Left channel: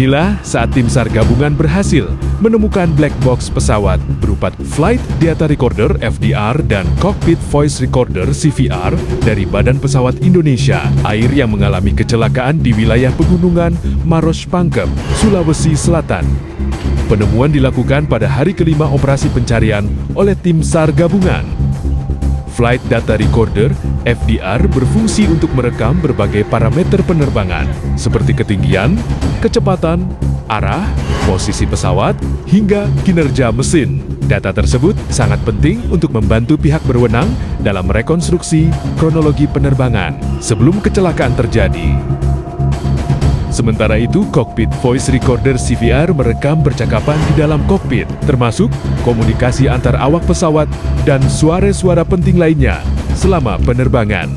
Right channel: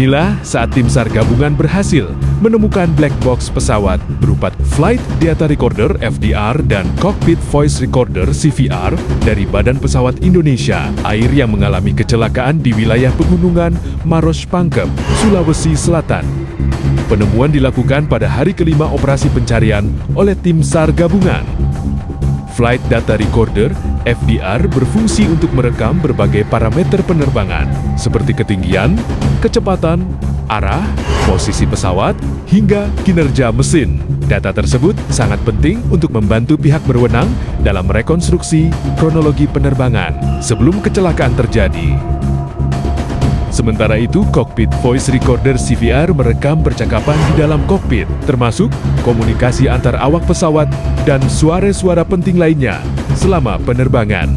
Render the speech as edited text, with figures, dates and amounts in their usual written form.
Inilah saat Tim Sar Gabungan berhasil menemukan black box pesawat berupa Flight Data Recorder FDR dan Cockpit Voice Recorder CVR dari Badan Pesawat Indonesia Air yang mengalami kecelakaan di wilayah pegunungan Maros Pangkep, Sulawesi Selatan. Penemuan dilakukan pada hari kelima operasi pencarian oleh Tim Sar Gabungan. Flight Data Recorder FDR berfungsi untuk merekam berbagai parameter penerbangan seperti ketinggian, kecepatan, arah, posisi pesawat, hingga kinerja mesin. Data tersebut sangat penting untuk membantu pihak berwenang dalam rekonstruksi kronologi penerbangan sebelum kecelakaan terjadi. Sementara itu, Cockpit Voice Recorder CVR merekam percakapan di dalam kokpit, termasuk komunikasi antar awak pesawat dan suara-suara penting lainnya selama penerbangan.